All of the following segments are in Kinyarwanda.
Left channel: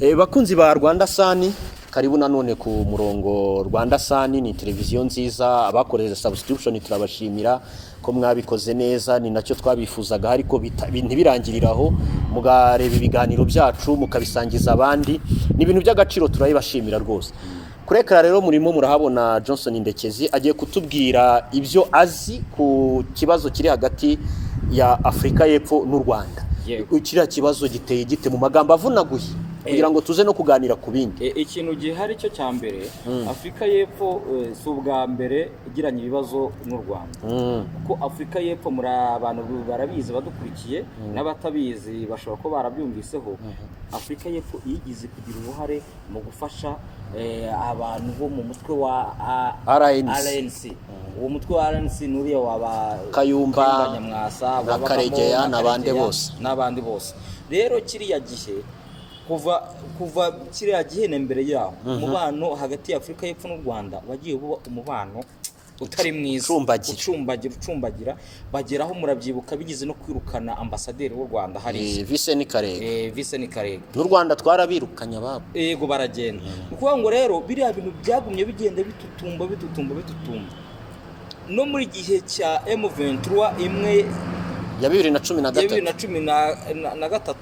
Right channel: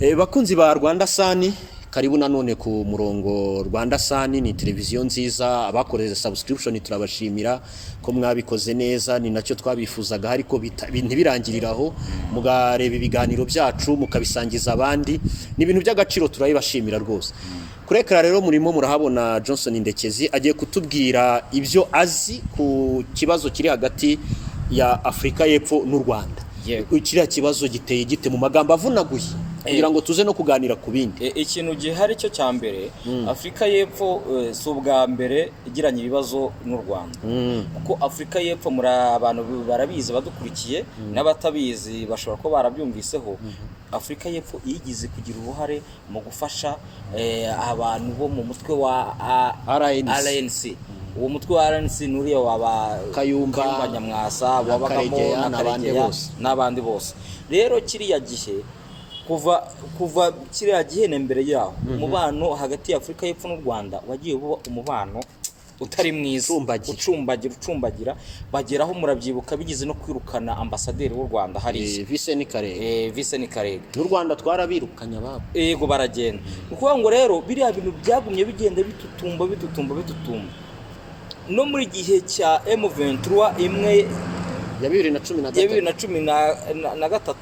Bakunzi ba Rwanda Sani, karibu nanone ku murongo. Rwanda Sani ni televiziyo nziza, abakoreze subscription turabashimira ko mwabikoze neza, ni nacyo twabifuzaga, ariko ntibirangiriraho, mugareba ibiganiro byacu mukabisangiza abandi, ni ibintu by'agaciro, turabibashimira rwose. Kurekera rero murimo murahabona Johnson Ndekezi agiye kutubwira ibyo azi ku kibazo kiri hagati ya Afrika y'Epfo n'u Rwanda. Kiriya kibazo giteye gite mu magambo avunaguye kugira ngo tuze no kuganira ku bindi. Ikintu gihari cyo cya mbere, Afrika y'Epfo si ubwa mbere igiranye ibibazo n'u Rwanda, kuko Afrika y'Epfo muri abantu barabizi badukurikiye, n'abatabizi bashobora ko barabyumviseho. Afrika y'Epfo yigize kugira uruhare mu gufasha abantu bo mu mutwe wa RNC. Uwo mutwe wa RNC nuriye waba Kayumba, Nyamwasa, Karegeya n'abandi bose. Rero kiriya gihe kuva kiriya gihe mbere yaho, umubano hagati ya Afrika y'Epfo n'u Rwanda wagiye buba umubano utari mwiza, ucumbagira, bageraho murabyibuka bigize no kwirukana ambasaderi w'u Rwanda hari Vice ni Karega. N'u Rwanda twarabirukanye ababo. Yego baragenda. Ukuvuga ngo rero biriya bintu byagumye bigenda bitutumba. No muri gihe cya M23 imwe ya 2013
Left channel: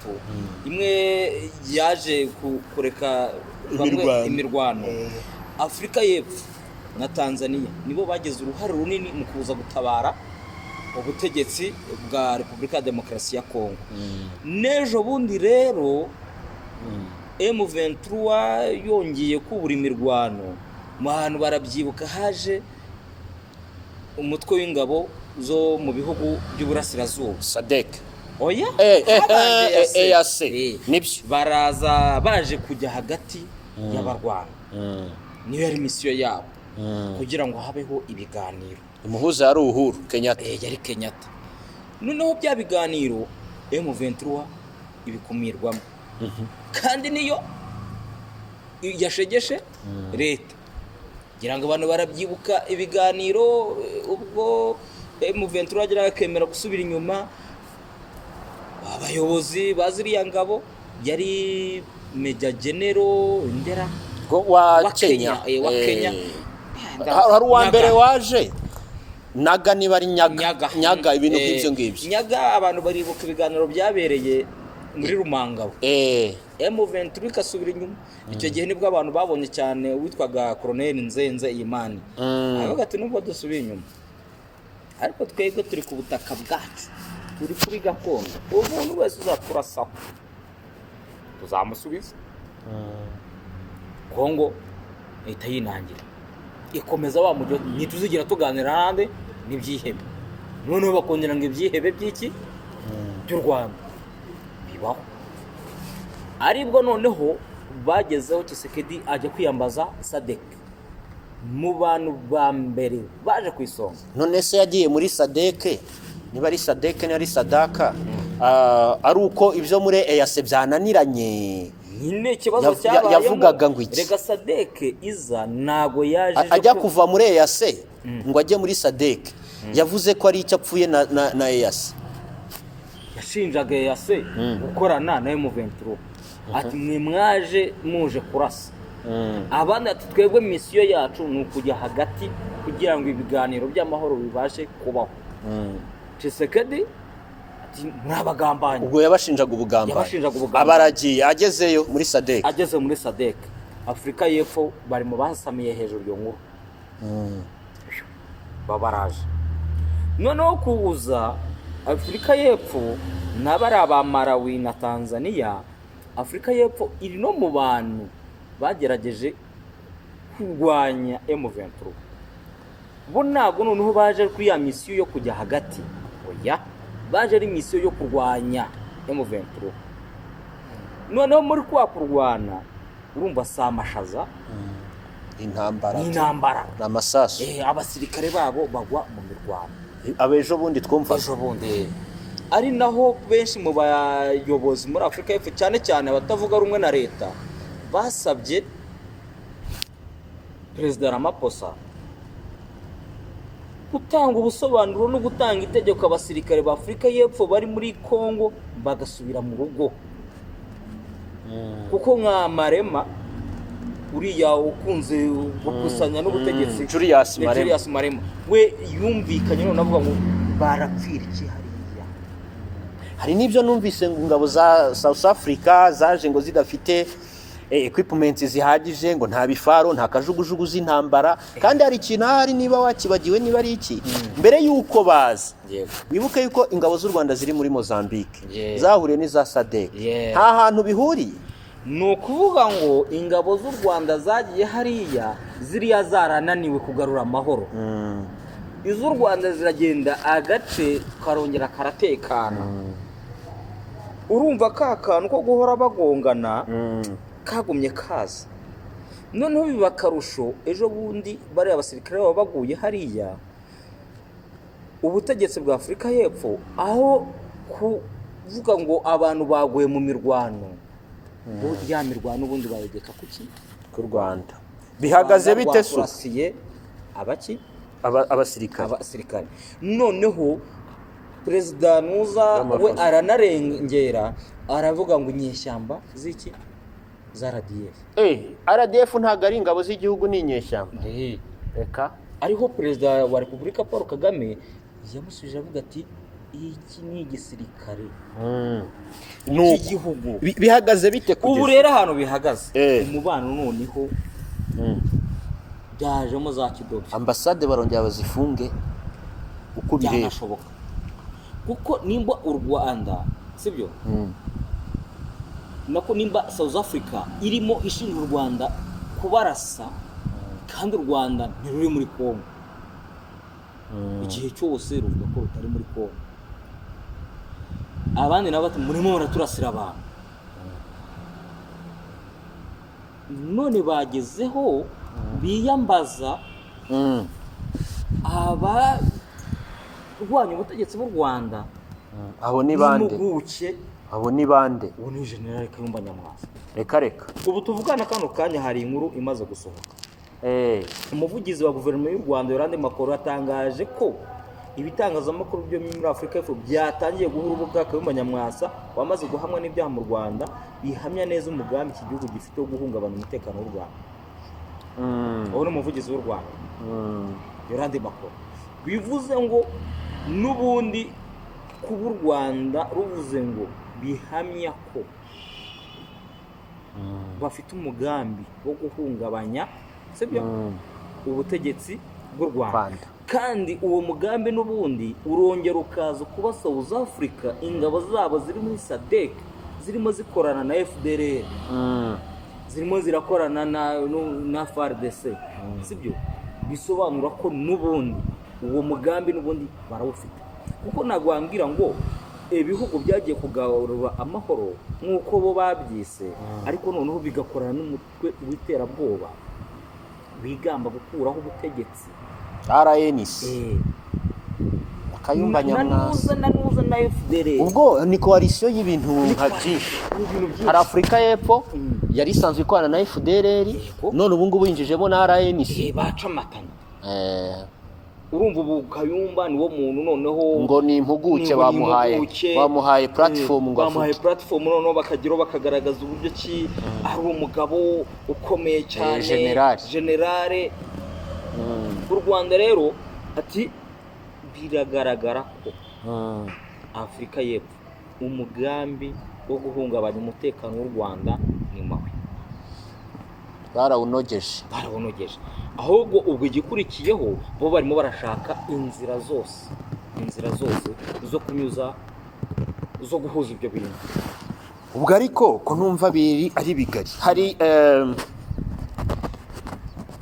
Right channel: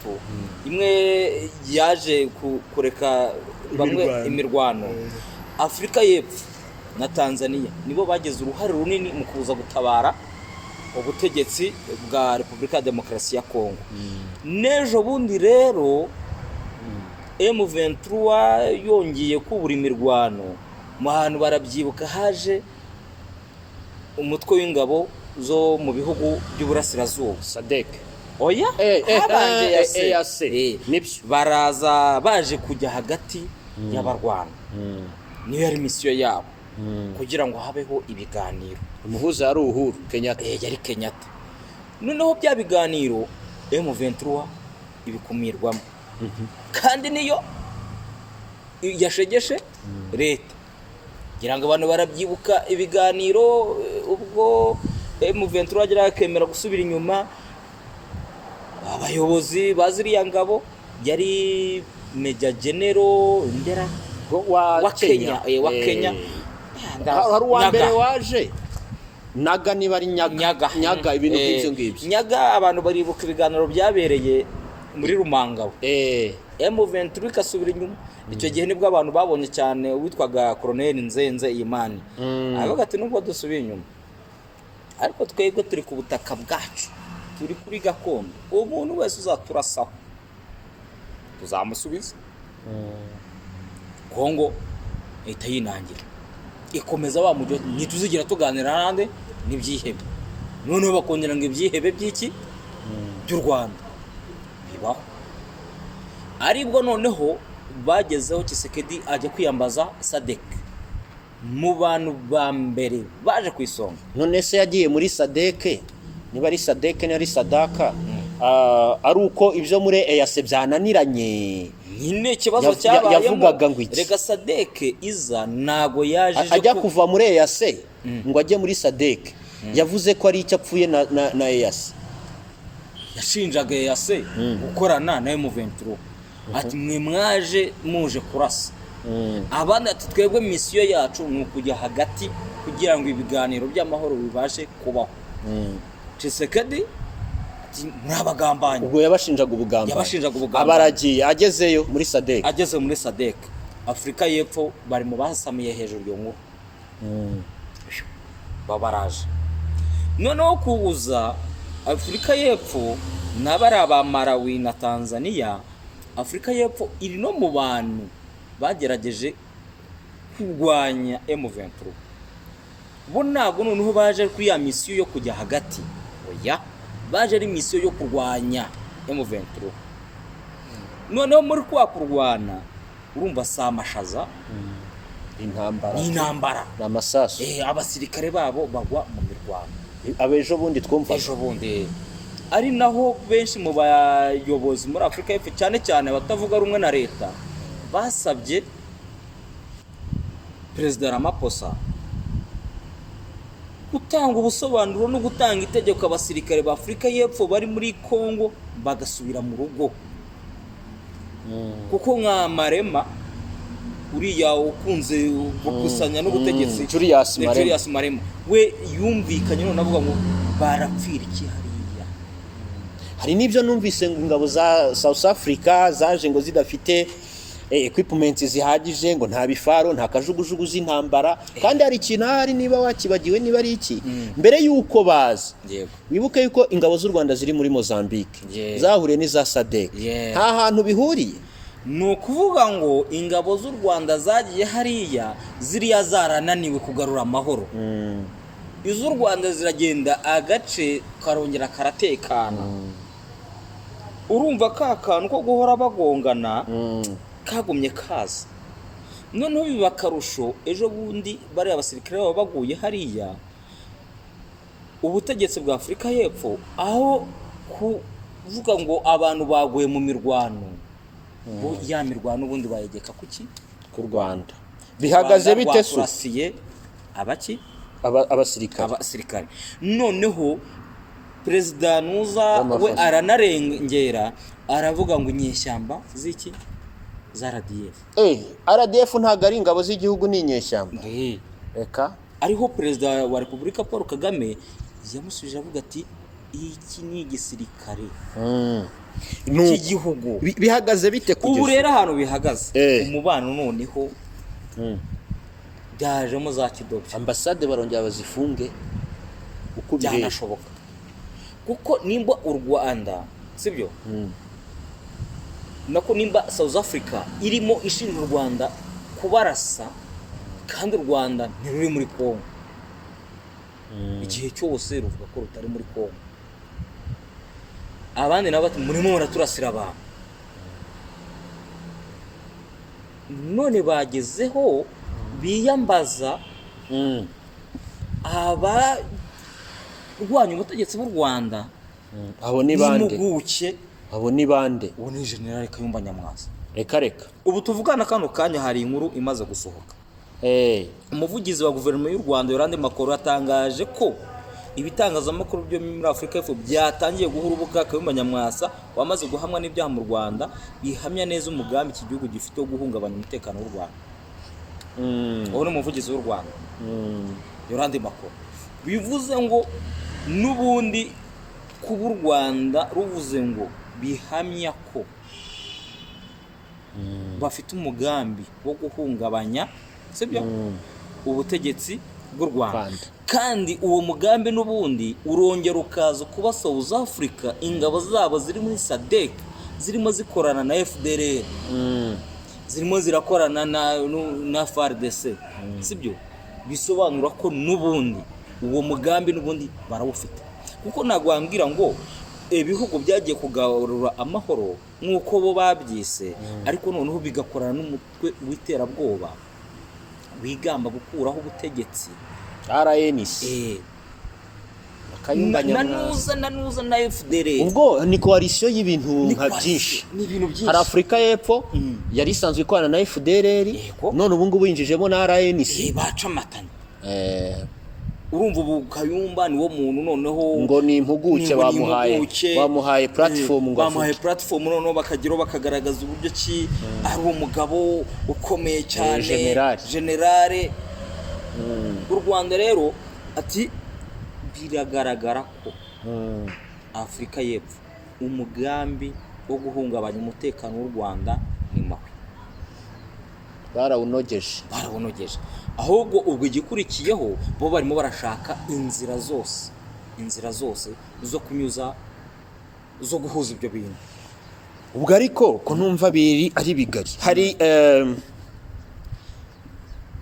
imwe yaje kureka imirwano, Afrika y'Epfo na Tanzania nibo bageze uruhare runini mu kuza gutabara ubutegetsi bwa Repubulika ya Demokarasi ya Kongo. Nejo bundi rero M23 yongeye kubura imirwano, mu hantu barabyibuka haje umutwe w'ingabo zo mu bihugu by'uburasirazuba SADC. Oya, EAC nibyo baraza baje kujya hagati y'abarwana. Niyo yari misiyo yabo, kugira ngo habeho ibiganiro. Umuhuza yari Uhuru Kenyatta. Yari Kenyatta. Noneho bya biganiro M23 ibikumirwamo, kandi niyo yashegeshe leta. Ngira ngo abantu barabyibuka ibiganiro ubwo M23 agira akemera gusubira inyuma, abayobozi baziriya ngabo yari Major General Ndera wa Kenya. Hari uwa mbere waje Naga, niba ari Nyaga ibintu nk'ibyo ngibyo. Nyaga abantu baribuka ibiganiro byabereye muri Rumangabo. M23 ikasubira inyuma. Icyo gihe nibwo abantu babonye cyane witwaga Colonel Nzenze Imani. Avuga ati nubwo dusubira inyuma, ariko twebwe turi ku butaka bwacu, turi kuri gakondo, umuntu wese uzaturasaho tuzamusubiza. Kongo ihita yinangira, ikomeza wa mujyo, ntituzigira tuganira nande n'ibyihebe. Noneho bakongera ngo ibyihebe by'iki by'u Rwanda bibaho. Aribwo noneho bagezeho Tshisekedi ajya kwiyambaza SADC mu bantu ba mbere baje kwisonga. None se yagiye muri SADC, niba ari SADC niba ari Sadaka, ari uko ibyo muri EAC byananiranye. Nyine ikibazo cyabaye yavugaga ngo iki? Rega SADC iza nago yaje ajya kuva muri EAC ngo ajye muri SADC. Yavuze ko ari icyo apfuye na EAC. Yashinjaga EAC gukorana na M23. Ati mwe mwaje muje kurasa. Abandi ati twebwe misiyo yacu ni ukujya hagati kugira ngo ibiganiro by'amahoro bibashe kubaho. Tshisekedi ati murabagambanye. Ubwo yabashinjaga ubugambanyi. Abaragiye agezeyo muri SADC. Ageze muri SADC, Afrika y'Epfo bari mu basamiye hejuru yo nkuru. Babaraje. Noneho kubuza Afrika y'Epfo n'abari aba Malawi na Tanzania. Afrika y'Epfo iri no mu bantu bagerageje kurwanya M23. Bo ntabwo noneho baje kuri ya misiyo yo kujya hagati, oya, baje ari misiyo yo kurwanya M23. Noneho muri kwa kurwana urumva samashaza, intambara n'amasasu. Abasirikare babo bagwa mu mirwano. Abejo bundi twumva ari naho benshi mu bayobozi muri Afrika y'Epfo cyane cyane batavuga rumwe na leta basabye Perezida Ramaphosa gutanga ubusobanuro no gutanga itegeko abasirikare ba Afrika y'Epfo bari muri Kongo bagasubira mu rugo. kuko nka Marema uriya ukunze gukusanya n'ubutegetsi Julius ni Marema. Julius Marema we yumvikanye none avuga ngo barapfira iki hariya. hari n'ibyo numvise ngo ingabo za South Africa zaje ngo zidafite equipment zihagije, ngo nta bifaro, nta kajugujugu z'intambara, kandi hari ikintu hari niba wakibagiwe niba ari iki, mbere y'uko baza wibuke yuko ingabo z'u Rwanda ziri muri Mozambique zahuriye n'iza SADC, nta hantu bihuriye. Ni ukuvuga ngo ingabo z'u Rwanda zagiye hariya ziriya zarananiwe kugarura amahoro, iz'u Rwanda ziragenda agace karongera karatekana. Urumva ka kantu ko guhora bagongana kagumye kaza, noneho biba akarusho. Ejo bundi bari abasirikare baba baguye hariya, ubutegetsi bwa Afurika y'Epfo aho kuvuga ngo abantu baguye mu mirwano, ya mirwano ubundi bayegeka kuki ku Rwanda. Bihagaze bite se abaki abasirikare? Noneho perezida Nuza we aranarengera, aravuga ngo inyeshyamba z'iki za RDF. RDF ntago ari ingabo z'igihugu, ni inyeshyamba. Reka ariho perezida wa Repubulika Paul Kagame yamusubije avuga ati iki ni igisirikare cy'igihugu. Bihagaze bite kugeza ubu rero ahantu bihagaze umubano noneho byajemo za kidodo. Ambasade barongera bazifunge uko byanashoboka, kuko nimba u Rwanda sibyo nako nimba South Africa irimo ishinja u Rwanda kubarasa, kandi u Rwanda ntiruri muri Kongo, igihe cyose ruvuga ko rutari muri Kongo, abandi nabo bati murimo muraturasira abantu. None bagezeho biyambaza urwanya ubutegetsi bw'u Rwanda. Abo ni bande? Abo ni bande? Ubu ni General Kayumba Nyamwasa. Reka ubu tuvugana kano kanya hari inkuru imaze gusohoka. Umuvugizi wa guverinoma y'u Rwanda Yolande Makoro yatangaje ko ibitangazamakuru byo muri Afurika y'Epfo byatangiye guha urubuga Kayumba Nyamwasa wamaze guhamwa n'ibyaha mu Rwanda, bihamya neza umugambi iki gihugu gifite wo guhungabanya umutekano w'u Rwanda. Uwo ni umuvugizi w'u Rwanda Yolande Makoro. Bivuze ngo n'ubundi kuba u Rwanda ruvuze ngo bihamya ko bafite umugambi wo guhungabanya sibyo ubutegetsi bw'u Rwanda, kandi uwo mugambi n'ubundi urongera ukaza kuba South Africa ingabo zabo ziri muri SADC zirimo zikorana na FDLR, zirimo zirakorana na FARDC sibyo, bisobanura ko n'ubundi uwo mugambi n'ubundi barawufite. Kuko nagwambwira ngo ibihugu byagiye kugarura amahoro nk'uko bo babyise, ariko noneho bigakorana n'umutwe w'iterabwoba wigamba gukuraho ubutegetsi RNC. Kayumba Nyamwasa na FDLR. Ubwo ni coalition y'ibintu nka byinshi. Hari Afurika y'Epfo yari isanzwe ikorana na FDLR, none ubu ngubu yinjijemo na RNC. Bacamatanye. Urumva ubu Kayumba niwo muntu noneho ngo ni impuguke bamuhaye platform, ngo bamuhaye platform noneho bakagiro bakagaragaza uburyo ki ari umugabo ukomeye cyane, generale. U Rwanda rero ati biragaragara ko Afurika y'Epfo umugambi wo guhungabanya umutekano w'u Rwanda ni mabi, barawunogeje. Ahubwo ubwo igikurikiyeho bo barimo barashaka inzira zose zo kunyuza zo guhuza ibyo bintu. Ubwo ariko ko numva biri ari bigari. Hari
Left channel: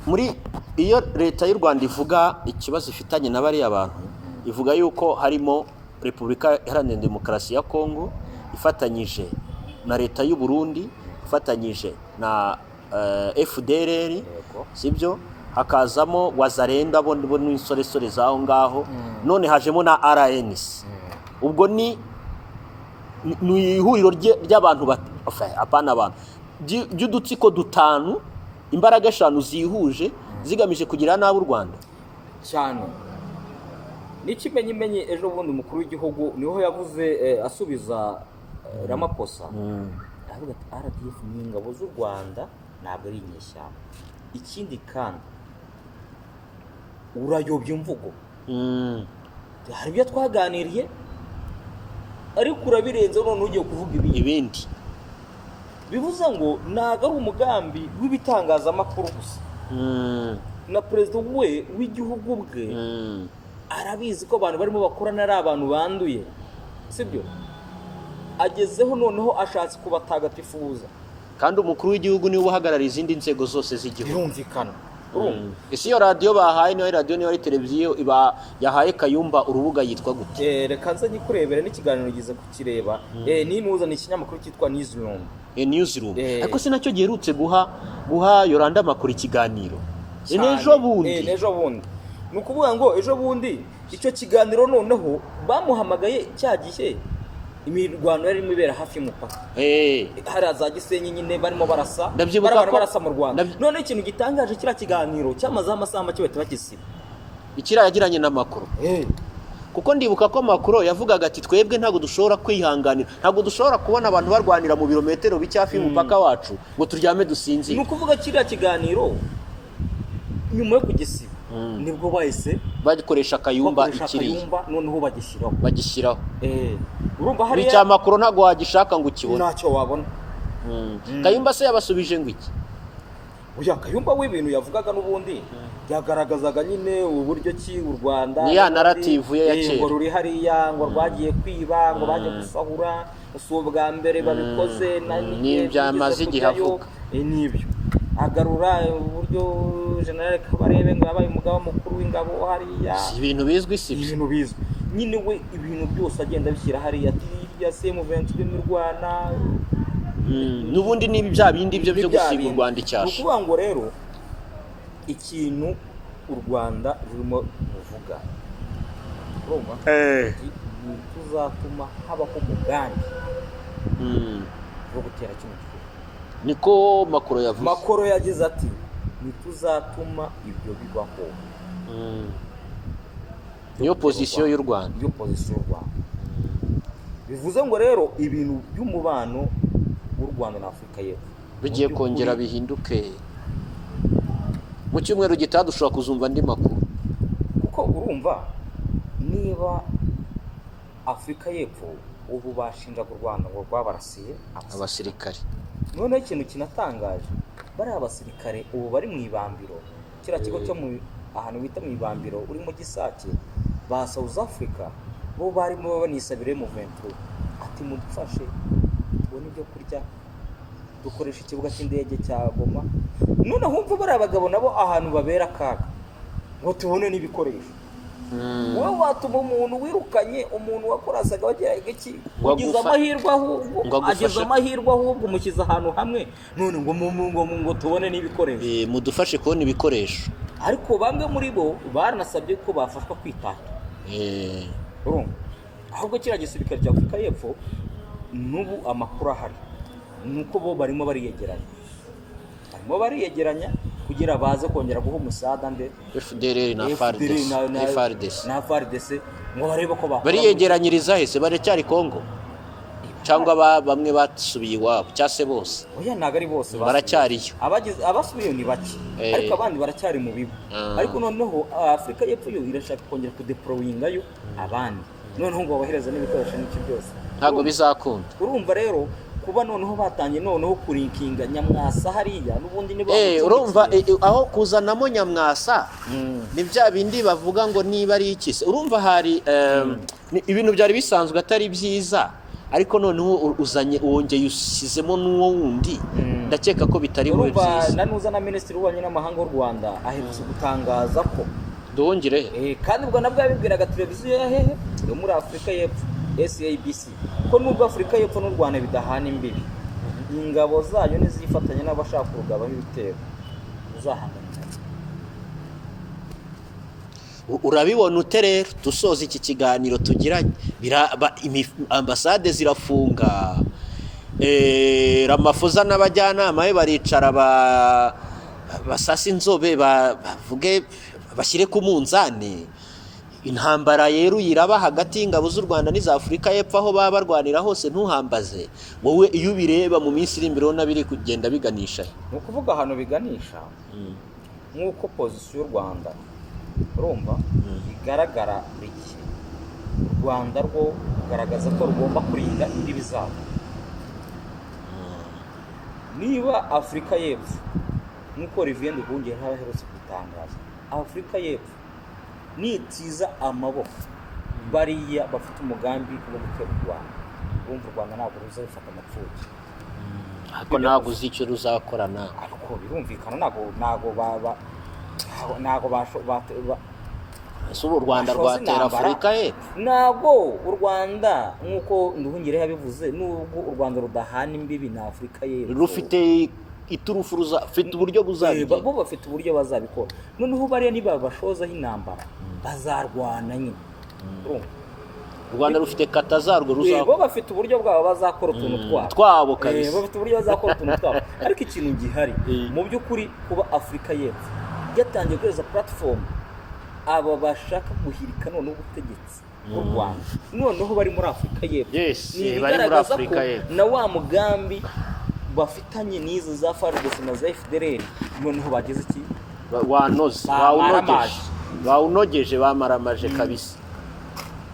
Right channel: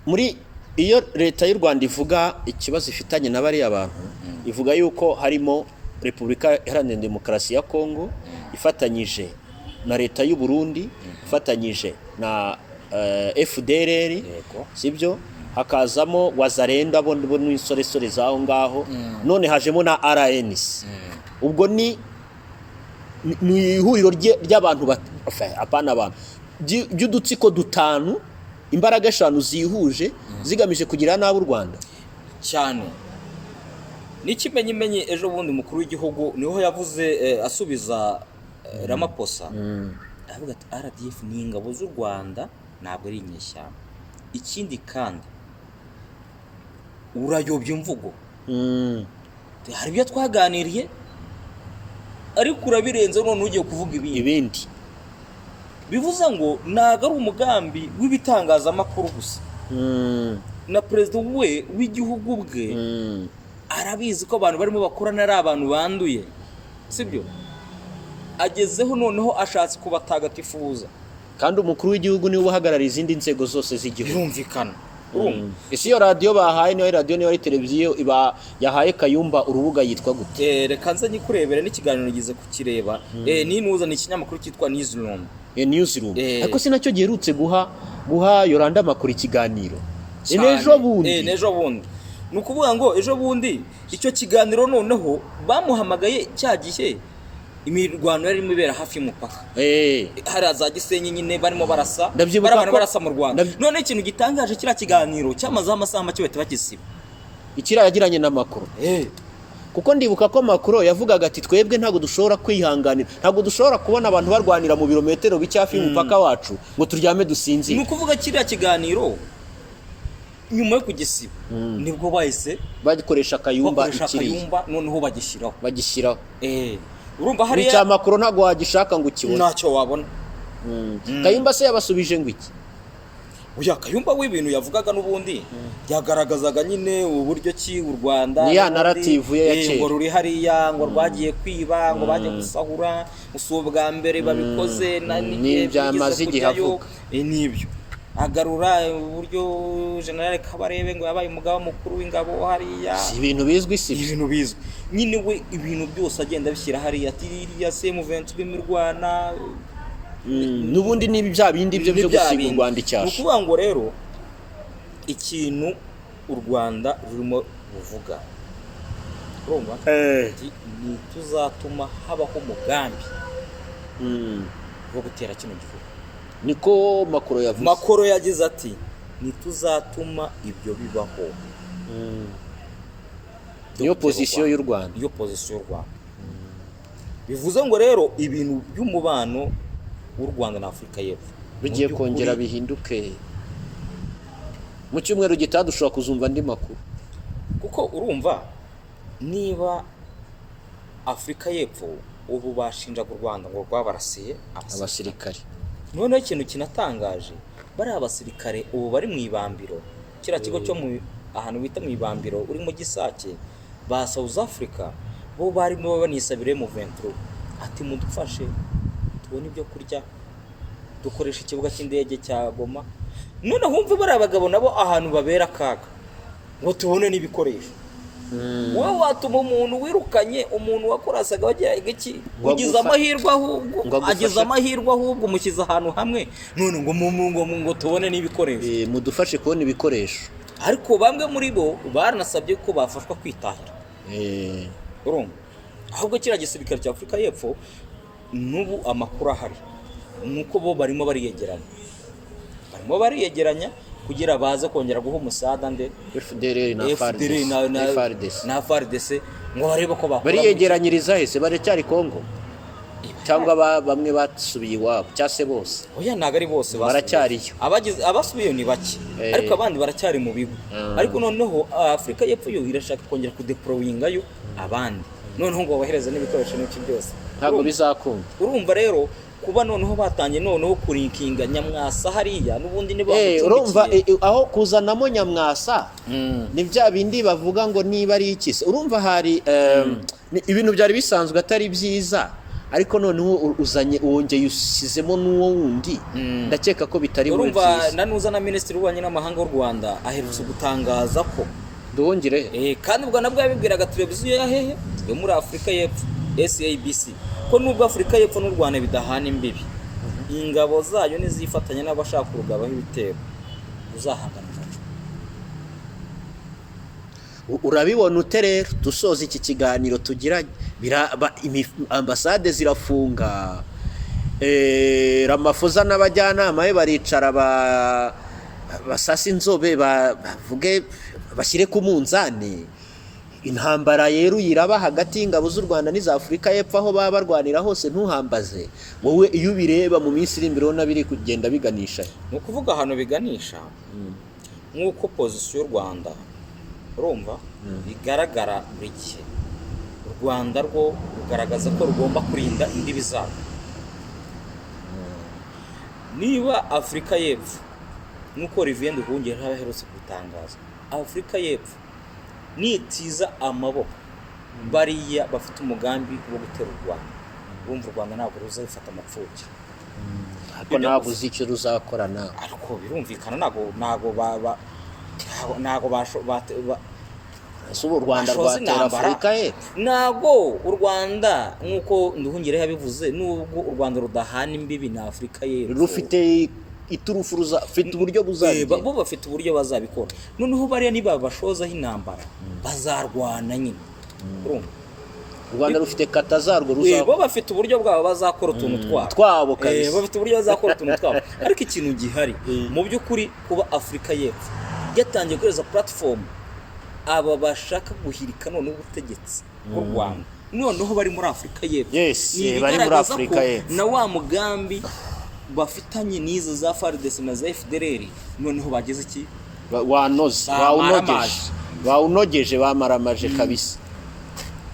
muri iyo leta y'u Rwanda ivuga ikibazo ifitanye na bari abantu, ivuga yuko harimo Repubulika Iharanira Demokarasi ya Kongo ifatanyije na leta y'u Burundi, ifatanyije na FDLR sibyo, hakazamo Wazalendo bo n'insoresore zaho ngaho, none hajemo na RNC. Ubwo ni ihuriro ry'abantu apana abantu by'udutsiko dutanu, imbaraga eshanu zihuje zigamije kugira nabi u Rwanda cyane. N'ikimenyimenyi ejo bundi umukuru w'igihugu niho yavuze asubiza Ramaphosa, aravuga ati RDF ni ingabo z'u Rwanda ntabwo ari inyeshyamba. Ikindi kandi urayobya imvugo. Hari ibyo twaganiriye ariko urabirenze none ugiye kuvuga ibindi. Bivuze ngo ntabwo ari umugambi w'ibitangazamakuru gusa. Na perezida we w'igihugu bwe arabizi ko abantu barimo bakorana ari abantu banduye, sibyo? Agezeho noneho ashatse kubatagatifuza, kandi umukuru w'igihugu niwe uhagarariye izindi nzego zose z'igihugu. Birumvikana. Ese iyo radiyo bahaye niyo radiyo niyo televiziyo iba yahaye Kayumba urubuga yitwa gute? Reka nze nyikurebere n'ikiganiro gize kukireba. Nimuzana ikinyamakuru cyitwa Newsroom. Newsroom. Ariko sinacyo giherutse guha Yolanda Makuru ikiganiro. Ejo bundi. Ni ukuvuga ngo ejo bundi icyo kiganiro noneho bamuhamagaye cya gihe imirwano yarimo ibera hafi y'umupaka. Hari za Gisenyi nyine barimo barasa. Barabana barasa mu Rwanda. None ikintu gitangaje kira kiganiro cyamaze amasaha make bahita bakisiba. Ikira yagiranye na Makuru. Kuko ndibuka ko Makuru yavugaga ati twebwe ntago dushobora kwihanganira, ntago dushobora kubona abantu barwanira mu birometero bicyafi y'umupaka wacu ngo turyame dusinzire. Ni ukuvuga kiriya kiganiro nyuma yo kugisiba nibwo bahise bagikoresha Kayumba noneho bagishyiraho. Urumva hari icya Makuru ntago wagishaka ngo ukibone, ntacyo wabona. Kayumba se yabasubije ngo iki? Oya, Kayumba w'ibintu yavugaga n'ubundi yagaragazaga nyine uburyo ki u Rwanda ni ya narrative ye yakera ngo ruri hariya ngo rwagiye kwiba ngo baje gusahura usubwa mbere babikoze n'ibyamaze igihe avuga n'ibyo agarura uburyo General Kabarebe ngo yabaye umugaba mukuru w'ingabo hariya. Ibintu bizwi nyine we ibintu byose agenda bishyira hariya ati ya M23 mirwana n'ubundi nibi bya bindi byo gusiga u Rwanda icyasha. Ukuvuga ngo rero ikintu u Rwanda rurimo buvuga urumva ni tuzatuma habaho umugambi wo gutera kino gihugu. Niko Makuru yavuze. Makuru yagize ati nituzatuma ibyo bibaho. Iyo position y'u Rwanda. Bivuze ngo rero ibintu by'umubano w'u Rwanda na Afurika y'Epfo bigiye kongera bihinduke. Mu cyumweru gitaha dushobora kuzumva andi makuru. Kuko urumva niba Afurika y'Epfo ubu bashinjaga u Rwanda ngo rwabarasiye abasirikare. Noneho ikintu kinatangaje bari abasirikare ubu bari mu ibambiro, kira kigo cyo mu ahantu bita mu ibambiro uri mu Gisake ba South Africa, bo barimo banisabire mu 23 ati mudufashe tubone ibyo kurya dukoresha ikibuga cy'indege cya Goma. None humva bari abagabo nabo ahantu babera kaga ngo tubone n'ibikoresho. Wowe watuma umuntu wirukanye umuntu wakorasaga wagira iki ugize amahirwe ahubwo umukiza ahantu hamwe none ngo tubone n'ibikoresho. Mudufashe kubona ibikoresho. Ariko bamwe muri bo baranasabye ko bafashwa kwitahira. Urumva ahubwo kira gisirikare cya Afurika y'Epfo n'ubu amakuru ahari nuko bo barimo bariyegeranya kugira baze kongera guha umusada nde FDLR na FARDC ngo barebe ko bariyegeranyiriza hese baracyari Kongo cyangwa bamwe basubiye iwabo cyase bose. Oya ntago ari bose baracyariyo, abasubiye ni bake ariko abandi baracyari mu bigo. Ariko noneho Afurika y'Epfo yo irashaka kongera kudeployingayo abandi noneho ngo babahereza n'ibikoresho n'iki byose ntago bizakunda. Urumva rero kuba noneho batangiye noneho kurinkinga Nyamwasa hariya n'ubundi niba urumva aho kuzanamo Nyamwasa ni bya bindi bavuga ngo niba ari iki. Urumva hari ibintu byari bisanzwe atari byiza ariko noneho uzanye wongeye ushyizemo n'uwo wundi ndakeka ko bitari muri byiza. Urumva nanuza na Minisitiri w'Ububanyi n'Amahanga w'u Rwanda aherutse gutangaza ko duhongere kandi ubwo nabwo yabibwiraga televiziyo ya hehe yo muri Afurika y'Epfo SABC ko nubwo Afurika y'Epfo n'u Rwanda bidahana imbibi ingabo zayo nizifatanya n'abashaka kugabaho ibitero uzahagana. Urabibona ute rero dusoza iki kiganiro tugiranye ambasade zirafunga Ramaphosa n'abajyanama be baricara basasa inzobe bavuge bashyire ku munzani intambara rero iraba hagati y'ingabo z'u Rwanda n'iza Afurika y'Epfo aho baba barwanira hose ntuhambaze wowe iyo ubireba mu minsi iri imbere ubona biri kugenda biganisha ni ukuvuga ahantu biganisha nk'uko pozisiyo y'u Rwanda urumva igaragara buri gihe u Rwanda rwo rugaragaza ko rugomba kurinda imbibi zabo. Niba Afurika y'Epfo nk'uko Olivier Nduhungirehe aherutse kubitangaza, Afurika y'Epfo nitiza amaboko bariya bafite umugambi wo gutera u Rwanda, urumva u Rwanda ntabwo ruzabifata amapfubyi, ariko ntabwo uzi icyo ruzakorana, ariko birumvikana u Rwanda rwatera Afurika y'Epfo, ntabwo u Rwanda nk'uko Nduhungirehe yabivuze, nubwo u Rwanda rudahana imbibi na Afurika y'Epfo rufite iturufu, rufite uburyo buzabigera, bo bafite uburyo bazabikora. Noneho bariya niba bashozaho intambara bazarwana nyine, urumva u Rwanda rufite kata zarwo bo bafite uburyo bwabo bazakora utuntu twabo kabisa, bafite uburyo bazakora utuntu twabo. Ariko ikintu gihari mu by'ukuri, kuba Afurika y'Epfo yatangiye gukoresha platform aba bashaka guhirika none ubutegetsi bw'u Rwanda, noneho bari muri Afurika y'Epfo, ni bigaragaza ko na wa mugambi bafitanye n'izo za FARDC na za FDLR noneho bageze iki wawunogeje bamaramaje kabisa.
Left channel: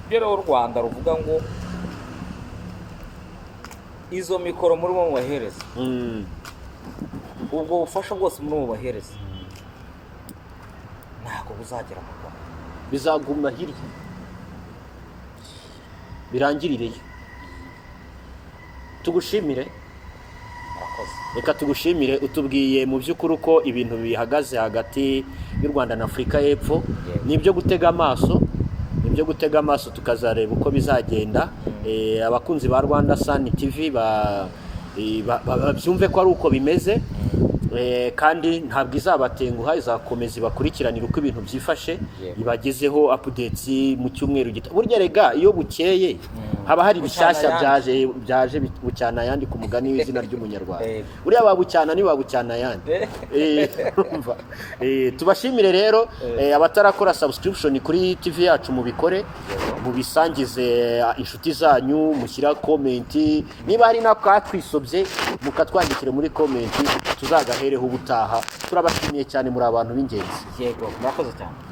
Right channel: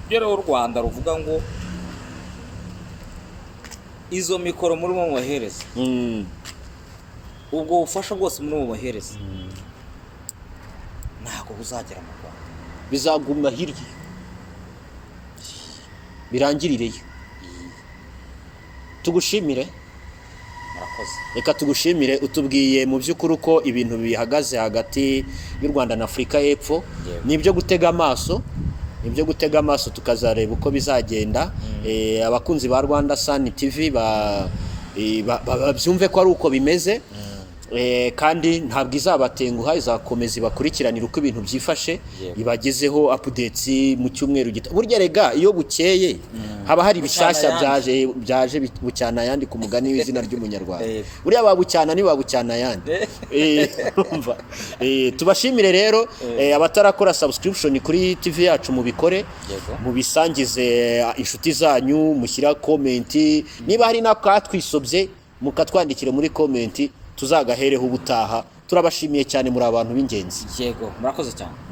Rero u Rwanda ruvuga ngo izo mikoro muri mu bahereza, ubwo bufasha bwose muri mu bahereza ntabwo buzagera mu Rwanda, bizaguma hirya birangirireyo. Tugushimire, reka tugushimire, utubwiye mu by'ukuri uko ibintu bihagaze hagati y'u Rwanda na Afurika y'Epfo. Nibyo gutega amaso tukazareba uko bizagenda. Abakunzi ba Rwanda Sun TV babyumve ko ari uko bimeze, kandi ntabwo izabatenguha, izakomeza ibakurikiranira uko ibintu byifashe, ibagezeho updates mu cyumweru gita. Burya rega iyo bukeye haba hari bishyashya byaje bucyana yandi ku mugani w'izina ry'umunyarwanda. Buriya babucyana ni babucyana yandi. Tubashimire rero, abatarakora subscription kuri TV yacu mubikore, mubisangize inshuti zanyu, mushyira comment, niba hari nakatwisobye mukatwandikire muri comment, tuzagahereho ubutaha. Turabashimiye cyane, muri abantu b'ingenzi. Yego, murakoze cyane.